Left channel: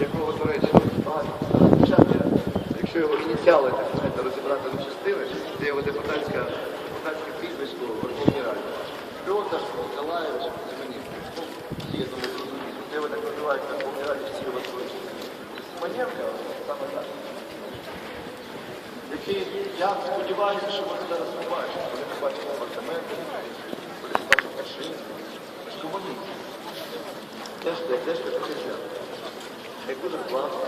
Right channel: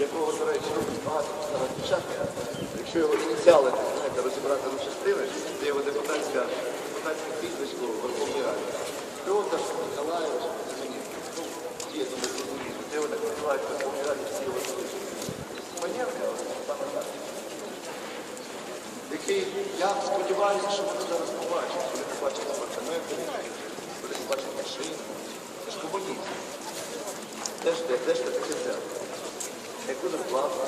якого, до речі, багато якщо його ініціали, так знаєте, розібрати на частини, це його депутатська, депутатське прізвисько в Верховній Раді. Петр Ніколаєвич Симоненко. Ну, є, тому зрозуміло. Це його так називають в Верховній Раді всі його звичайно. Симоненко. Який, я сподіваюся, що ви зараз. Ви не бачите Симоненко, не бачите машину. Це ж комуніст. Теж теж таке як дуже класно.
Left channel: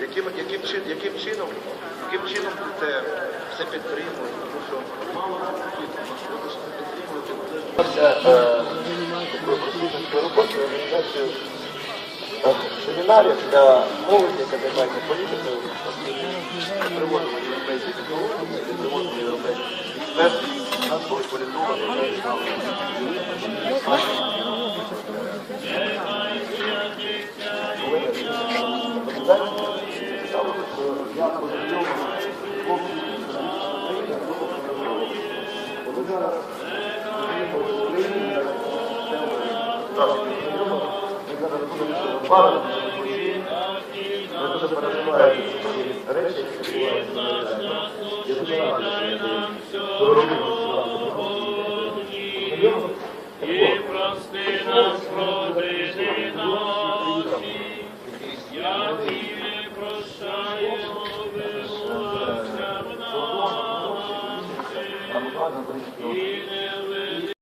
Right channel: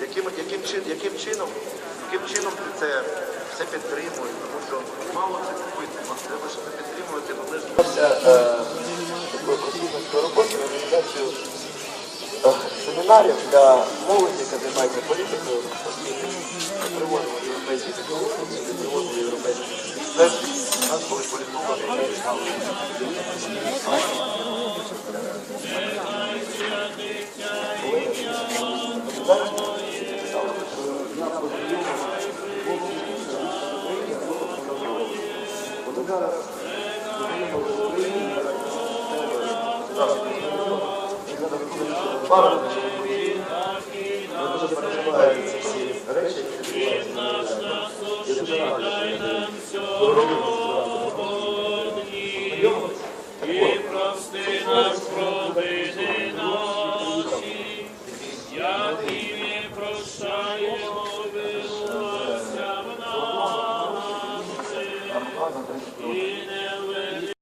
Яким, яким, яким, чином, яким чином це все підтримуєш? Тому що мало це підтримує, треба ж підтримувати. Е, такою просвітницькою роботою організацію е, семінарів для молоді, яка займається політикою, приводили європейські технології, приводили європейські нас були політологи, я познайомив хлопців з України, групу прозорливих. Вони зараз познайомилися в Україні, зараз системою справді познайомили. Ми зараз будемо Україні. Ми дуже переживаємо ці всі речі, які відбуваються на Майдані. Я дуже радий, що я даю дорогу І прости Está muito vazando